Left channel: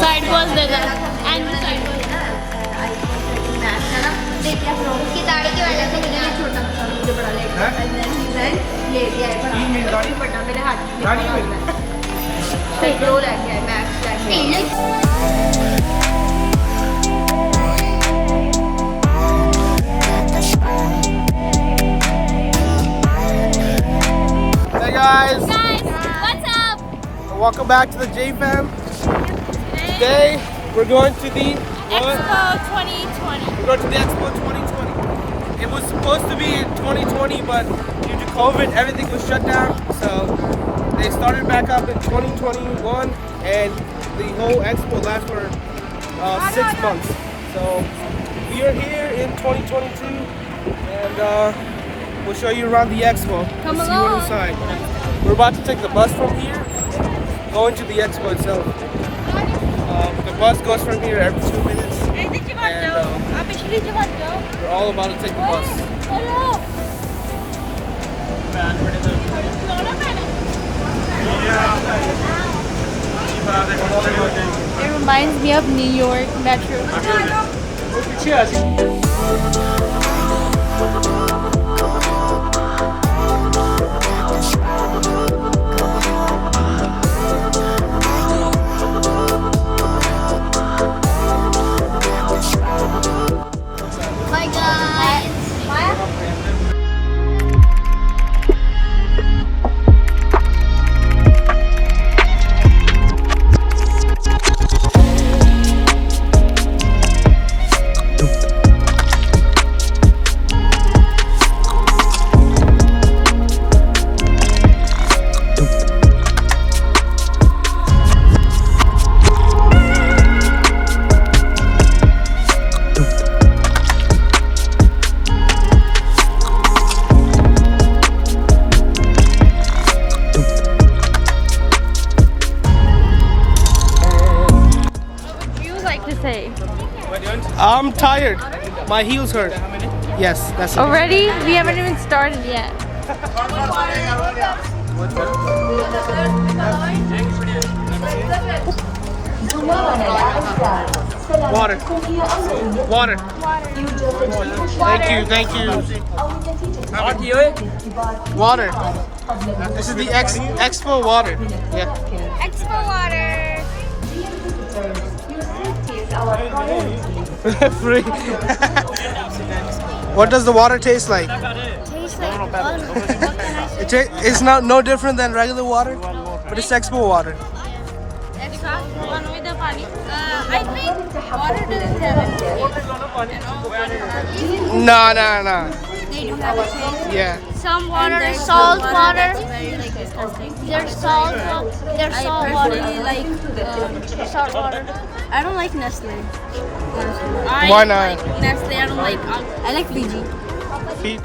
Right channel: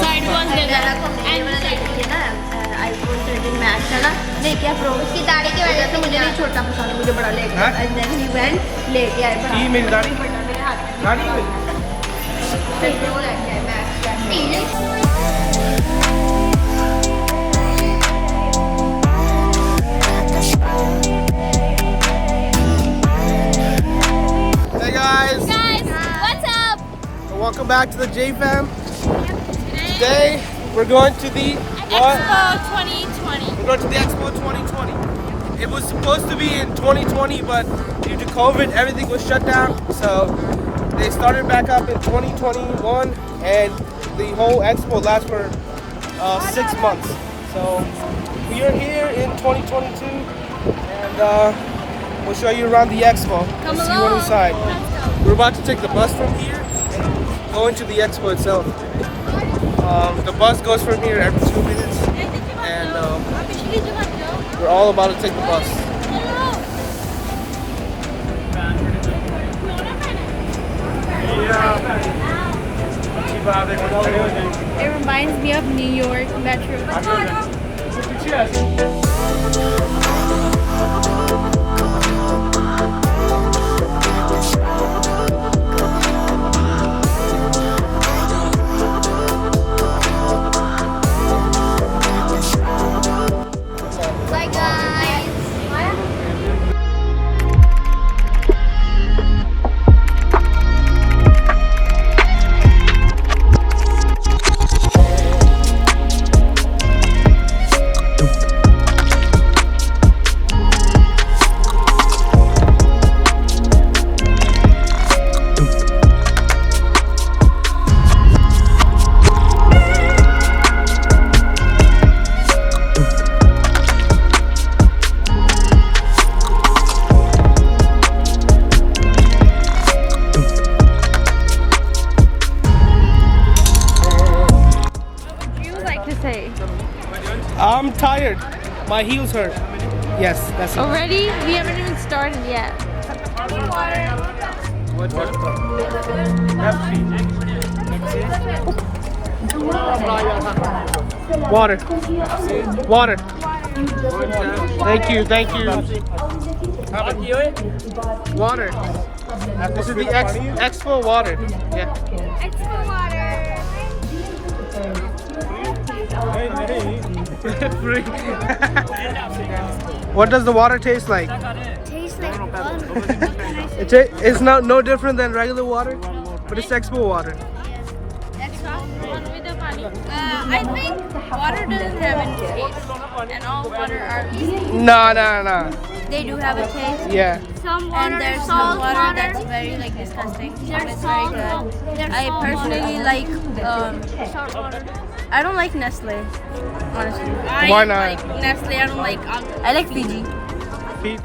Side was bigger and the side was देखिए उसकी दाढ़ी की वजह से मुझे भी छोटा पसंद मुझे बड़ा लेके लेके आए बड़ा मेरे हाथ दाढ़ी में फिर दो लेके आए Hey guys, what's up? welcome back to the J Fam. Today we're going to the Expo 2020. We're going to the Expo 2020. It was supposed to be in 2020, but due to COVID, everything was shut down. So they started back up in 2021, and the whole Expo lasts for 6 months. So we are here in 2022, and we'll show you around the Expo. Let's see what's inside. We're about to take the bus from here and go into the Expo itself. The bus goes from here every 2 minutes, and we're all about to take the bus. It reminds me of New York Metro. Bye guys. Say I'm tired. My heels hurt. Yes, that's it. already? We haven't even started yet. Water. Water. Thank you, thank you. Water. This is the Expo water. Yeah. Expo water. Free. What does the water taste like? Tastes like fun. It's no different than regular water, but it's Expo water. I think water doesn't have any taste, and all water are. No. They do have a taste. Yeah. And there's some water that's very like disgusting. It's very good. I personally like salt water. I don't like Nestle. Honestly. Why not? Like Nestle. I don't like. I like Fiji. Feet.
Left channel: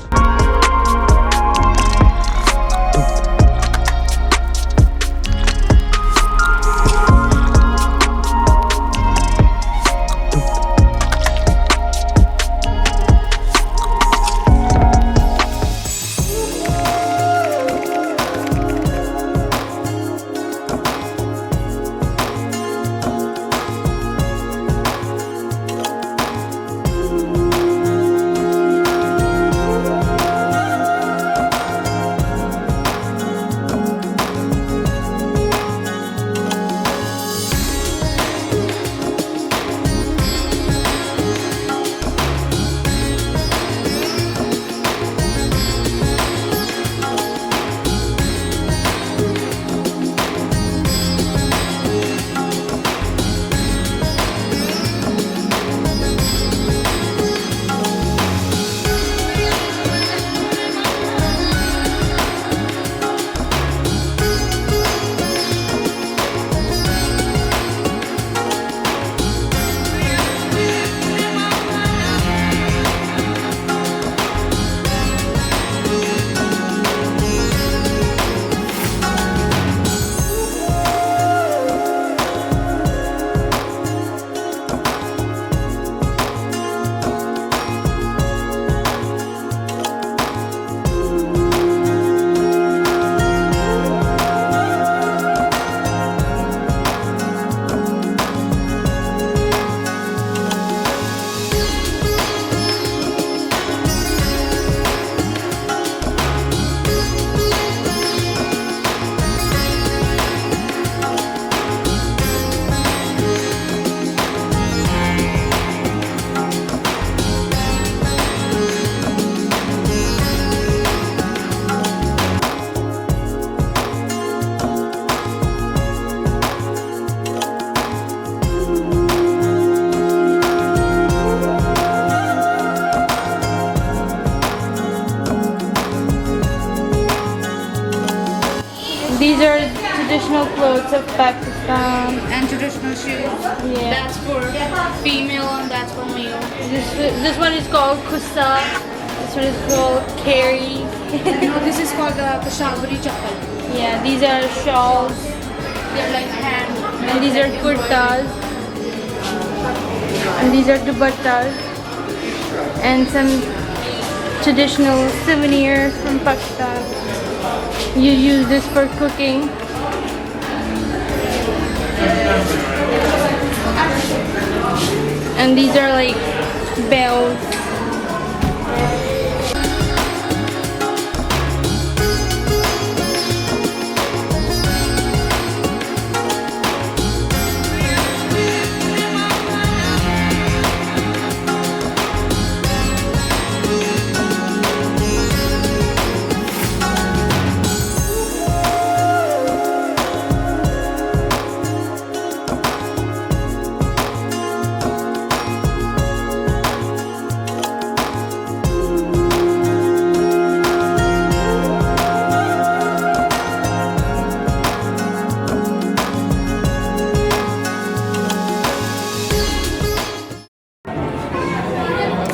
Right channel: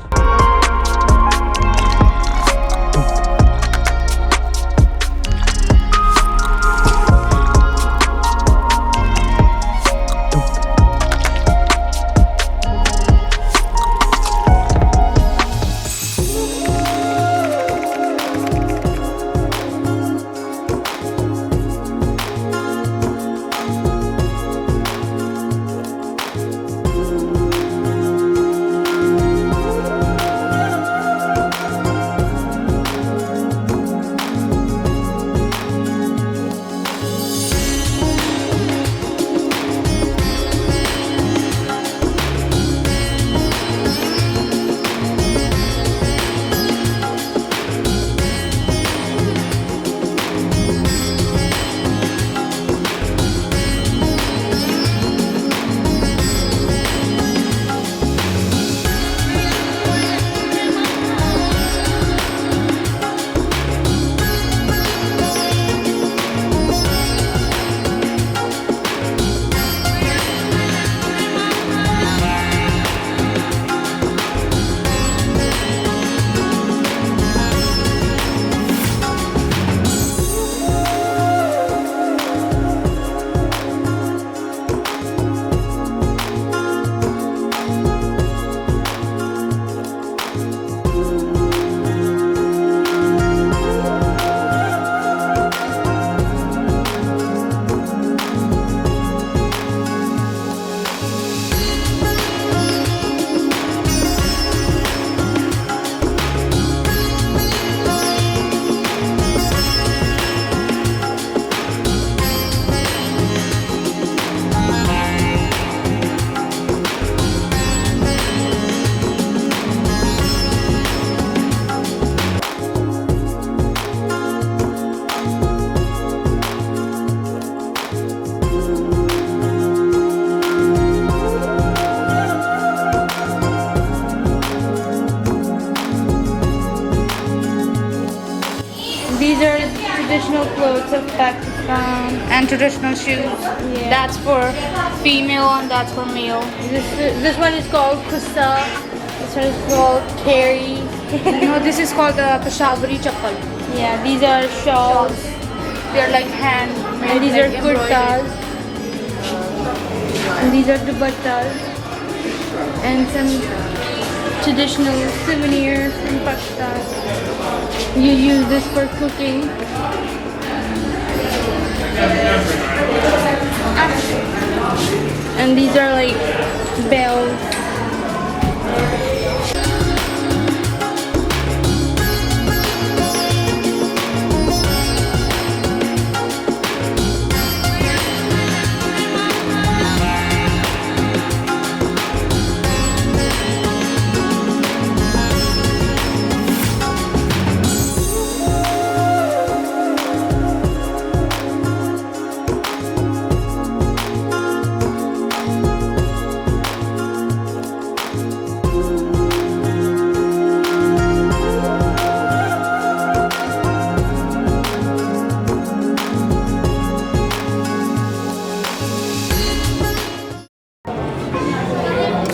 These are traditional clothes of Pakistan. And traditional shoes. Yeah. That's for female and that's for male. This one is called kusta. This one is called carry. No, this is called the Peshawari chappal. Yeah, these are shawls. They're like hand. And these are kurtas. And these are dupattas. And some traditional souvenirs from Pakistan. You use this for cooking. And these are like bells.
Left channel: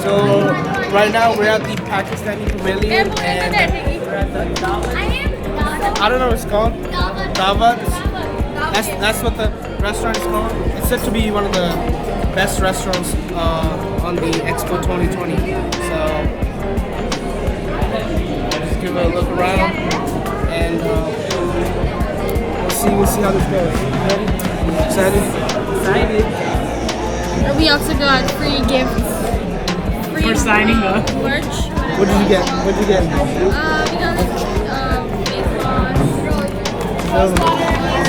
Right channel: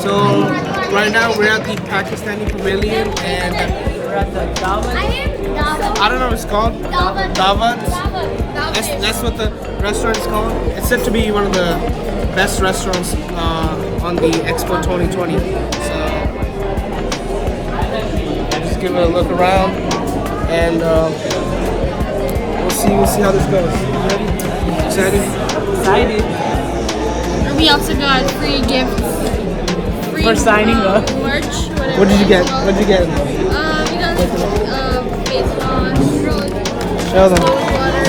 So right now we're at the Pakistani Pavilion and we're at the Dawat. I don't know what it's called. Dawat. That's what the restaurant is called. It's said to be one of the best restaurants on the Expo 2020. So I'll just give it a look around and we'll see how this goes. You ready? Excited? We also got free gifts. For signing up. Merch. What did you get? What did you get? We got face wash, Show them. water,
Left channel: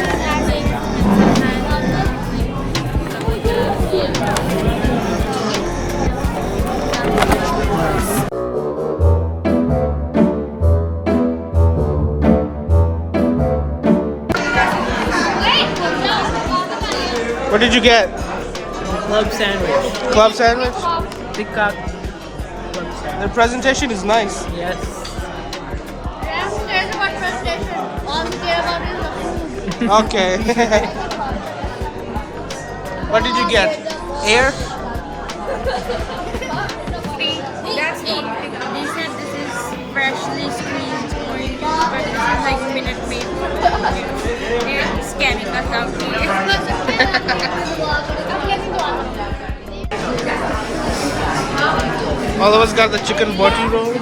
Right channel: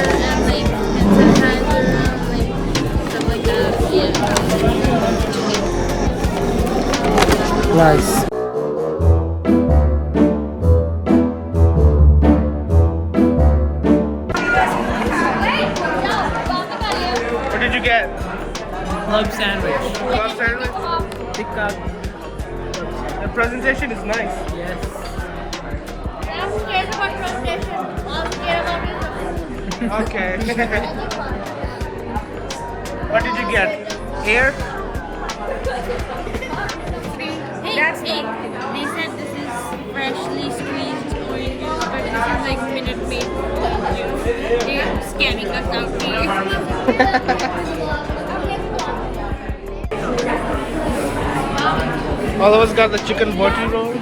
Nice. What did you get? Club sandwich. Club sandwich? Tikka. The presentation is nice. Yes. There's one presentation. All we care about is the food. Okay. What did you get? Air? That's the They said this is freshly squeezed orange juice, but this is like Minute Maid orange juice. They're scamming us out here. All of us got the chicken boti roll.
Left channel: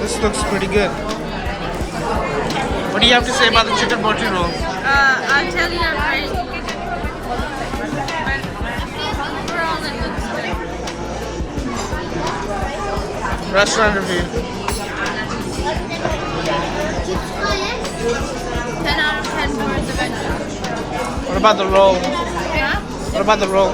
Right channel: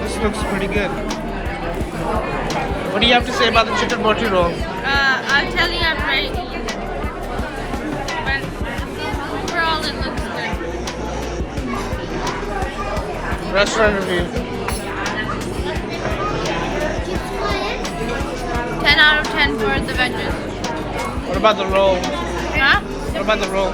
This looks pretty good. What do you have to say about the chicken boti roll? I'll tell you I'm ready. But overall it looks good. Restaurant review. 10 out of 10 for the veggies. What about the roll? Huh? What about the roll?